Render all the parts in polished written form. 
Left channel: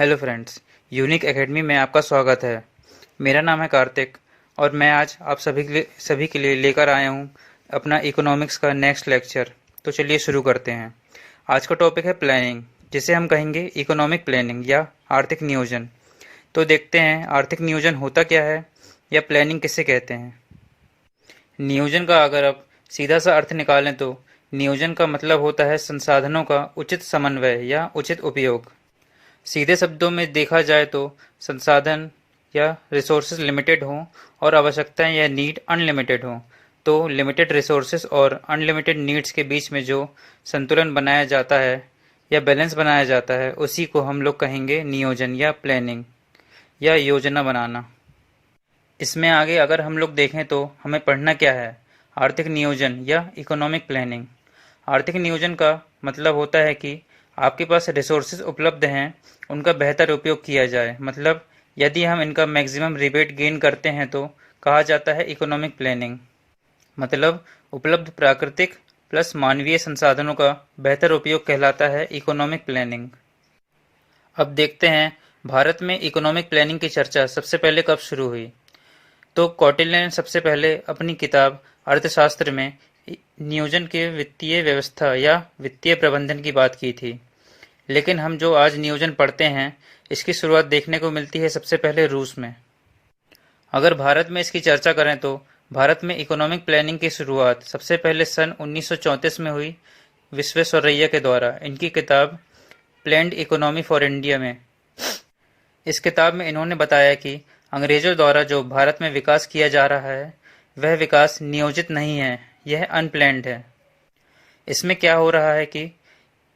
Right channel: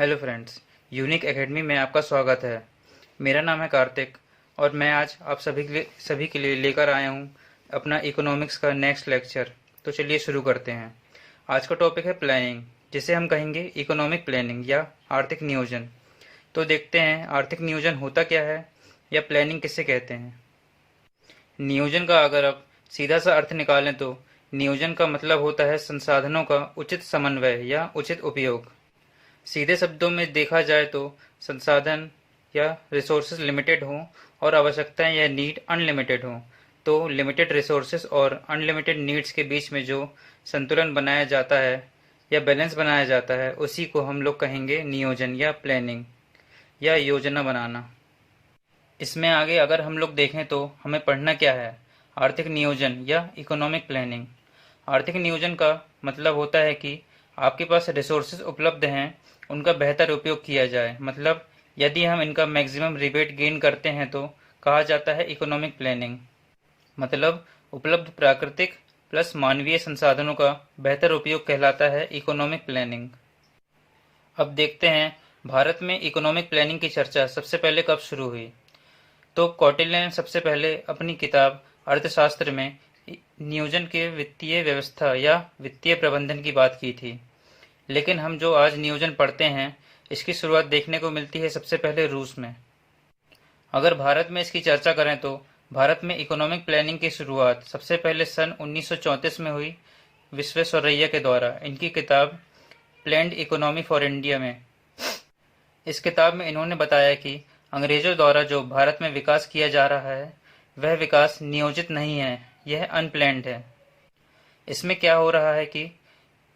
Hello friends, unique academy में आपका स्वागत है। मेरा नाम है कार्तिक और मैं आज आप सभी के लिए लेकर आया हूँ अपना इकोनॉमिक्स का नेक्स्ट लेक्चर। तो चलिए शुरू करते हैं। आज का टॉपिक है प्लानिंग, जिसे हम कहेंगे इकोनॉमिक प्लानिंग या आर्थिक नियोजन। तो देखते हैं आर्थिक नियोजन होता क्या है या प्लानिंग किसे कहते हैं। नियोजन का अगर आप सीधा सा अर्थ निकालें तो नियोजन का मतलब होता है संसाधनों का उचित समन्वय या उचित उपयोग। सीधे शब्दों में देखा जाए तो संसाधन या रिसोर्सेज लिमिटेड हों और आवश्यकताएं या नीड अनलिमिटेड हों, तो लिमिटेड रिसोर्सेज और अनलिमिटेड नीड्स के बीच में जो संतुलन बनाया जाता है या बैलेंस बनाया जाता है, उसी को हम लोग कहेंगे नियोजन या प्लानिंग या योजना बनाना। इसमें आगे अगर हम लोग देखें तो हमें पढ़ना क्या है, आर्थिक नियोजन या इकोनॉमिक प्लानिंग। आर्थिक नियोजन का मतलब होता है कि आपके पास रिसोर्सेज उपलब्ध हैं, उनका बेहतर उपयोग किया जाए। मतलब यदि हम इनका मैक्सिमम रिबेट गेन करते हैं तो कहा जाता है इकोनॉमिक प्लानिंग। मतलब उपलब्ध प्राकृतिक प्लस मानवीय संसाधनों का बेहतर उपयोग कहलाता है इकोनॉमिक प्लानिंग। अब देखते हैं भारत में इकोनॉमिक प्लानिंग की चर्चा सबसे पहले कब शुरू हुई। तो कौटिल्य ने सबसे पहले अपनी किताब अर्थशास्त्र में नियोजन के वित्तीय व्यवस्था या वित्तीय प्रबंधन की बात की थी। लेकिन हम जो आज नियोजन पढ़ते हैं, इसकी शुरुआत देखने को मिलती है सबसे पहले रूस में। अगर भारत में इसकी चर्चा करें तो भारत में इकोनॉमिक प्लानिंग की शुरुआत सबसे पहले सन 1934 में हुई विश्वेश्वरैया के द्वारा, इनकी किताब प्लान्ड इकोनॉमी फॉर इंडिया में। इस किताब में इन्होंने बताया कि अंग्रेजों द्वारा जो भारत में विकास किया जा रहा है, वह विकास नियोजित नहीं है, यह अनप्लैंड है। इसमें क्या हो रहा है कि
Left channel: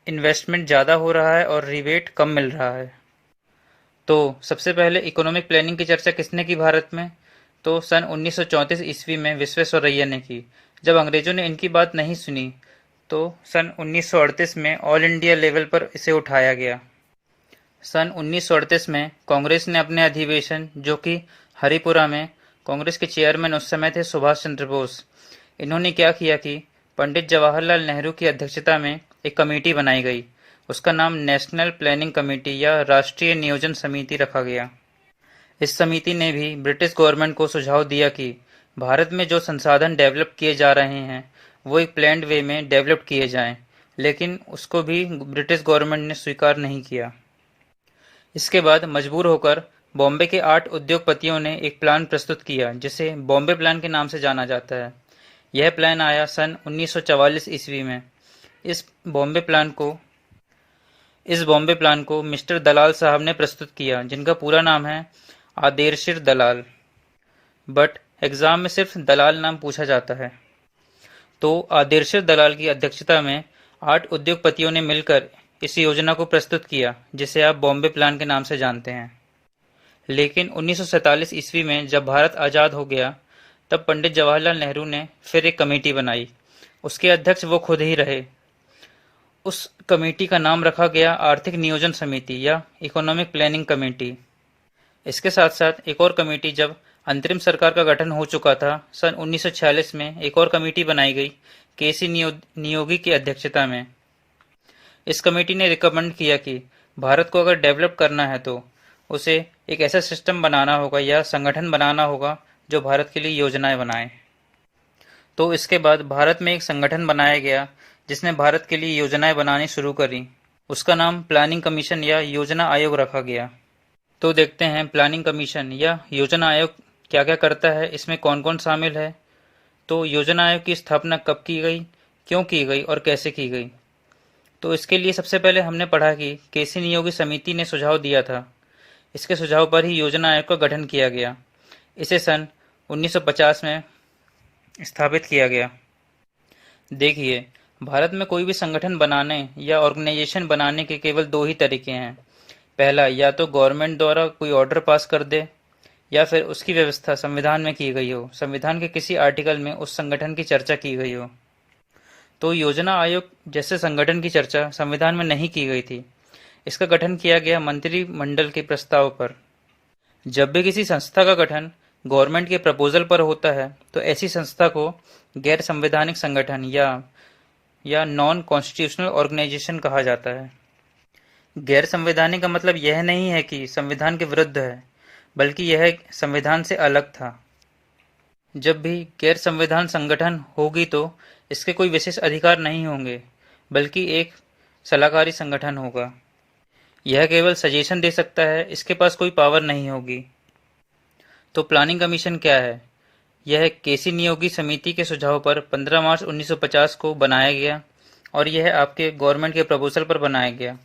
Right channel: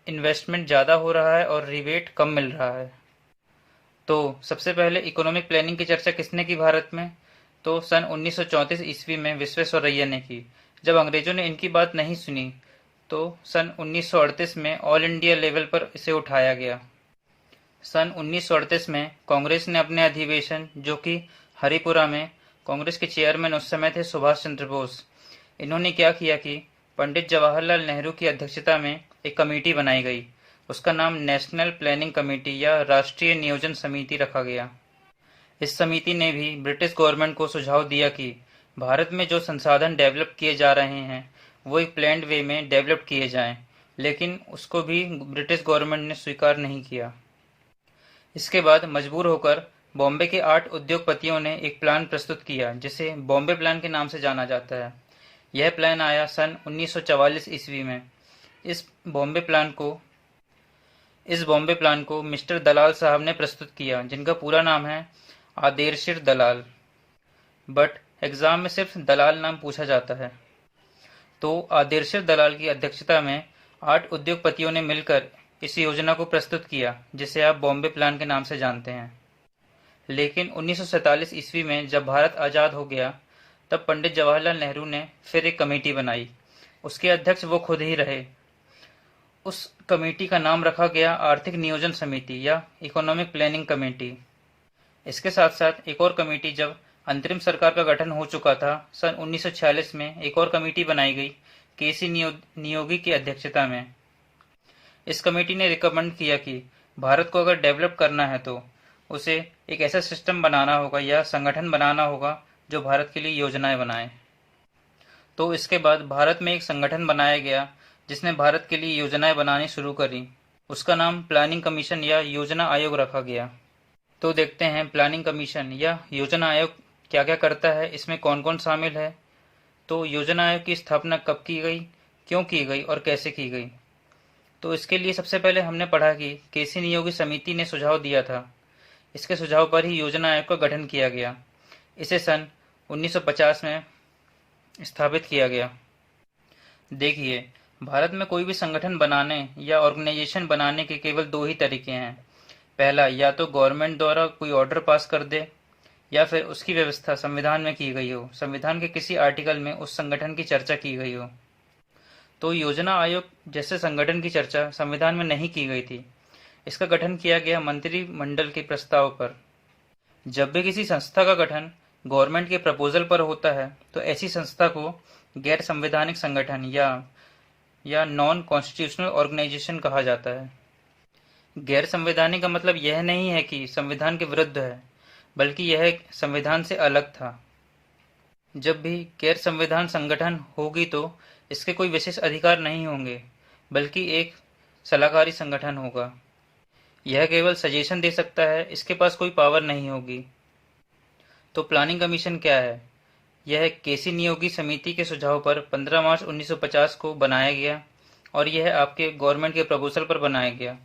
इन्वेस्टमेंट ज़्यादा हो रहा है और रिबेट कम मिल रहा है। तो सबसे पहले इकोनॉमिक प्लानिंग की चर्चा किसने की भारत में? तो सन 1934 ईस्वी में विश्वेश्वरैया ने की। जब अंग्रेजों ने इनकी बात नहीं सुनी तो सन 1938 में ऑल इंडिया लेवल पर इसे उठाया गया। सन 1938 में कांग्रेस ने अपने अधिवेशन, जो कि हरिपुरा में, कांग्रेस के चेयरमैन उस समय थे सुभाष चंद्र बोस, इन्होंने क्या किया कि पंडित जवाहरलाल नेहरू की अध्यक्षता में एक कमेटी बनाई गई। उसका नाम नेशनल प्लानिंग कमेटी या राष्ट्रीय नियोजन समिति रखा गया। इस समिति ने भी ब्रिटिश गवर्नमेंट को सुझाव दिया कि भारत में जो संसाधन डेवलप किए जा रहे हैं वो एक प्लान्ड वे में डेवलप किए जाएं, लेकिन उसको भी ब्रिटिश गवर्नमेंट ने स्वीकार नहीं किया। इसके बाद मजबूर होकर बॉम्बे के 8 उद्योगपतियों ने एक प्लान प्रस्तुत किया, जिसे बॉम्बे प्लान के नाम से जाना जाता है। यह प्लान आया सन 1944 ईस्वी में। इस बॉम्बे प्लान को मिस्टर दलाल साहब ने प्रस्तुत किया, जिनका पूरा नाम है आदेर्शिर दलाल, बट एग्जाम में सिर्फ दलाल नाम पूछा जाता है। तो आदेर्शिर दलाल की अध्यक्षता में 8 उद्योगपतियों ने मिलकर इस योजना को प्रस्तुत किया, जिसे आप बॉम्बे प्लान के नाम से जानते हैं। लेकिन 1947 ईस्वी में जब भारत आज़ाद हो गया, तब पंडित जवाहरलाल नेहरू ने फिर एक कमेटी बनाई। उसके अध्यक्ष वो खुद ही रहे। उस कमेटी का नाम रखा गया आर्थिक नियोजन समिति या इकोनॉमिक प्लानिंग कमेटी। इसके साथ साथ एक और कमेटी, जब अंतरिम सरकार का गठन हो चुका था, सन 1946 में एक और कमेटी बनाई गई केसी नियोगी की अध्यक्षता में। इस कमेटी ने रिकमेंड किया कि भारत को अगर डेवलप करना है तो उसे एक ऐसा सिस्टम बनाना होगा या संगठन बनाना होगा जो भारत के लिए योजनाएं बनाए। तो इसके बाद भारत में एक संगठन बनाया गया जिसने भारत के लिए योजनाएं बनानी शुरू करी। उसका नाम प्लानिंग कमीशन या योजना आयोग रखा गया। तो देखते हैं प्लानिंग कमीशन या योजना आयोग क्या क्या करता है, इसमें कौन कौन शामिल है। तो योजना आयोग की स्थापना कब की गई, क्यों की गई और कैसे की गई। तो इसके लिए सबसे पहले हमने पढ़ा कि केसी नियोगी समिति ने सुझाव दिया था। इसके सुझाव पर ही योजना आयोग का गठन किया गया। इसे सन 1950 में स्थापित किया गया। देखिए, भारत में कोई भी संगठन बनाने या ऑर्गेनाइजेशन बनाने के केवल 2 ही तरीके हैं। पहला, या तो गवर्नमेंट द्वारा कोई ऑर्डर पास कर दे, या फिर उसकी व्यवस्था संविधान में की गई हो, संविधान के किसी आर्टिकल में उस संगठन की चर्चा की गई हो। तो योजना आयोग जैसे संगठन की चर्चा संविधान में नहीं की गई थी। इसका गठन किया गया मंत्रिमंडल के प्रस्ताव पर। जब भी किसी संस्था का गठन गवर्नमेंट के प्रपोजल पर होता है तो ऐसी संस्था को गैर संवैधानिक संगठन या नॉन कॉन्स्टिट्यूशनल ऑर्गेनाइजेशन कहा जाता है। गैर संवैधानिक का मतलब यह नहीं है कि संविधान के विरुद्ध है, बल्कि यह संविधान से अलग था। जब भी गैर संविधान संगठन होगी तो इसके कोई विशेष अधिकार नहीं होंगे, बल्कि एक सलाहकारी संगठन होगा। यह केवल सजेशन दे सकता है, इसके पास कोई पावर नहीं होगी। तो प्लानिंग कमीशन क्या है? यह केसी नियोगी समिति के सुझाव पर 15 मार्च 1950 को बनाया गया और यह आपके गवर्नमेंट के प्रपोजल पर बनाया गया।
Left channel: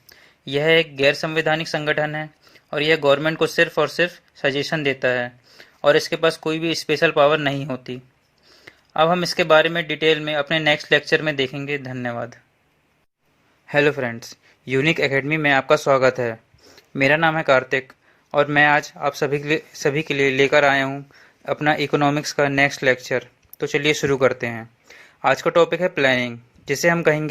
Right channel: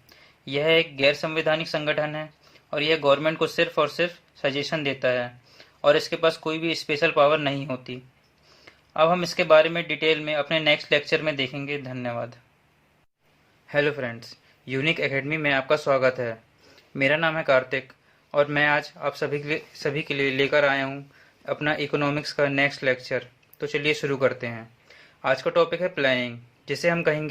यह एक गैर संवैधानिक संगठन है और यह गवर्नमेंट को सिर्फ और सिर्फ सजेशन देता है और इसके पास कोई भी स्पेशल पावर नहीं होती। अब हम इसके बारे में डिटेल में अपने नेक्स्ट लेक्चर में देखेंगे। धन्यवाद। हेलो फ्रेंड्स, यूनिक एकेडमी में आपका स्वागत है। मेरा नाम है कार्तिक और मैं आज आप सभी के लिए लेकर आया हूँ अपना इकोनॉमिक्स का नेक्स्ट लेक्चर। तो चलिए शुरू करते हैं। आज का टॉपिक है प्लानिंग, जिसे हम कहेंगे